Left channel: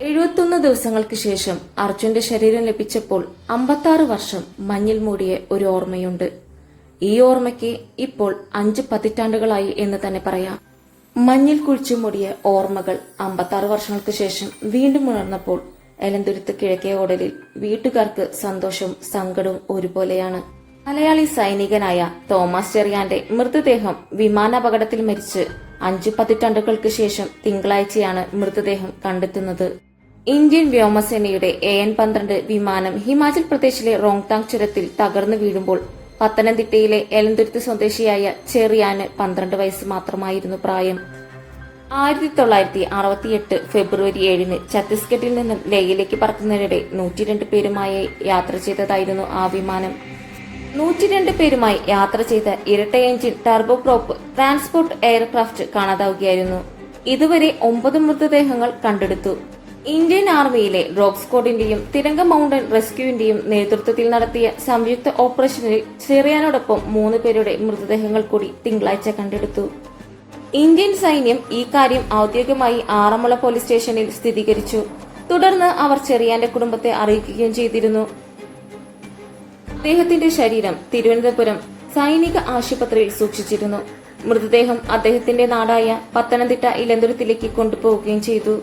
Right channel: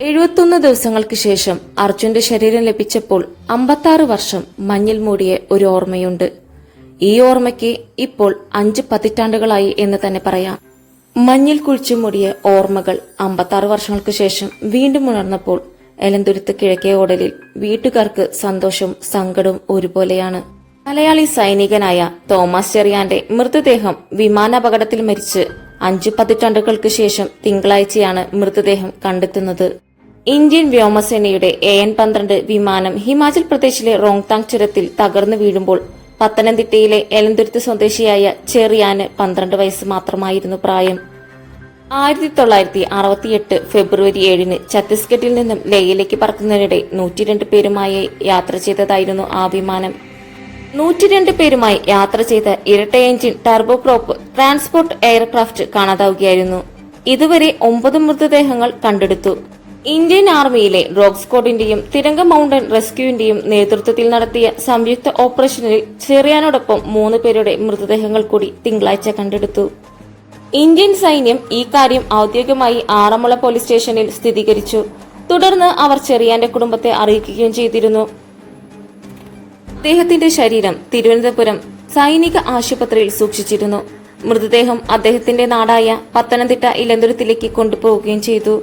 എഴുപത്തൊന്ന് ദിവസങ്ങൾക്ക് ശേഷം അർജുന്റെ ശരീരം ലഭിച്ചപ്പോൾ അമ്പത്താറ് വർഷം മഞ്ഞിൽ മൂടിയ ഒരു ഓർമ്മയുണ്ട്. ഈ ഓർമ്മയ്ക്ക് ഇപ്പോൾ അഞ്ച് പതിറ്റാണ്ടുകളായി എന്ന് തന്നെ പറയാം. മഞ്ഞിൽ കുഴിച്ചു മൂടിയ ഓർമ്മകൾ അമ്പത്താറ് വർഷങ്ങൾക്ക് ശേഷം വീണ്ടും ഉണർന്നപ്പോൾ എലന്തുരുത്ത് കിഴക്കേ ഓടലിൽ വീട്ടുകാർക്ക് സന്തോഷവും സങ്കടവും ഒരുപോലെയാണ്. മലയാളി സൈനികനായ തോമസ് ചെറിയാന്റെ മൃതദേഹം വിമാനാപകടത്തിൽ മരിച്ച് അഞ്ചു പതിറ്റാണ്ടുകൾക്ക് ശേഷം തിങ്കളാഴ്ചയാണ് മൃതദേഹം കണ്ടെത്തുന്നത്. ഇന്ത്യൻ വ്യോമസേനയുടെ എ എൻ പന്ത്രണ്ട് വിമാനം ഹിമാചൽ പ്രദേശിലെ റോങ്താങ് ചുരത്തിൽ തകർന്നു വീഴുമ്പോൾ പത്തനംതിട്ടയിലെ എലന്തുരുത്ത് സ്വദേശിയായ ചെറിയാന് പന്ത്രണ്ട് വയസ്സ് മാത്രമായിരുന്നു പ്രായം. ആയിരത്തി തൊള്ളായിരത്തി അറുപത്തിയെട്ട് ഫെബ്രുവരി ഏഴിന് ഛത്തീസ്ഗഡിൽ നിന്നും ലേയിലേക്ക് പറക്കുന്നതിനിടെ നൂറ്റിരണ്ട് പേരുമായി യാത്ര ചെയ്തതായിരുന്നു ആ വിമാനം. നൂറ്റിരണ്ട് പേരുമായി യാത്ര ചെയ്ത ഇരട്ട എഞ്ചിൻ ടർബോപ്രോപ്പ് ട്രാൻസ്പോർട്ട് എയർക്രാഫ്റ്റ് കാണാതാവുകയായിരുന്നു. ഇതുവരെ ഒമ്പത് മൃതദേഹങ്ങൾ കണ്ടെടുത്തു. ഇന്ത്യൻ ആർമിയിലെ ഡ്രോഗ് സ്ക്വാഡിന്റെയും തിരങ്ക മൗണ്ടൻ റെസ്ക്യൂവിന്റെയും നേതൃത്വത്തിൽ നടത്തിയ സംയുക്ത ഓപ്പറേഷനിൽ ചെറിയാനോടൊപ്പം മൂന്ന് പേരുടെ മൃതദേഹങ്ങൾ കൂടി തിങ്കളാഴ്ച കണ്ടെടുത്തു. ഇന്ത്യൻ സൈന്യം ഈ കാര്യം ഔദ്യോഗികമായി ആറന്മുള പോലീസ് സ്റ്റേഷനിൽ സ്ഥിരീകരിച്ചു. തുടർന്ന് അവർ ചെറിയാന്റെ കുടുംബത്തെ അറിയിക്കുകയും ചെയ്തിരുന്നു. അദ്ദേഹത്തിന്റെ ശരീരം തിരുവനന്തപുരം സൈനിക ആശുപത്രിയിൽ സൂക്ഷിച്ചിരുന്നു. മൃതദേഹം അദ്ദേഹത്തിന്റെ നാടായ പത്തനംതിട്ട ഇലന്തുരത്തിലേക്ക് കൊണ്ടുപോവുകയും ചെയ്തു.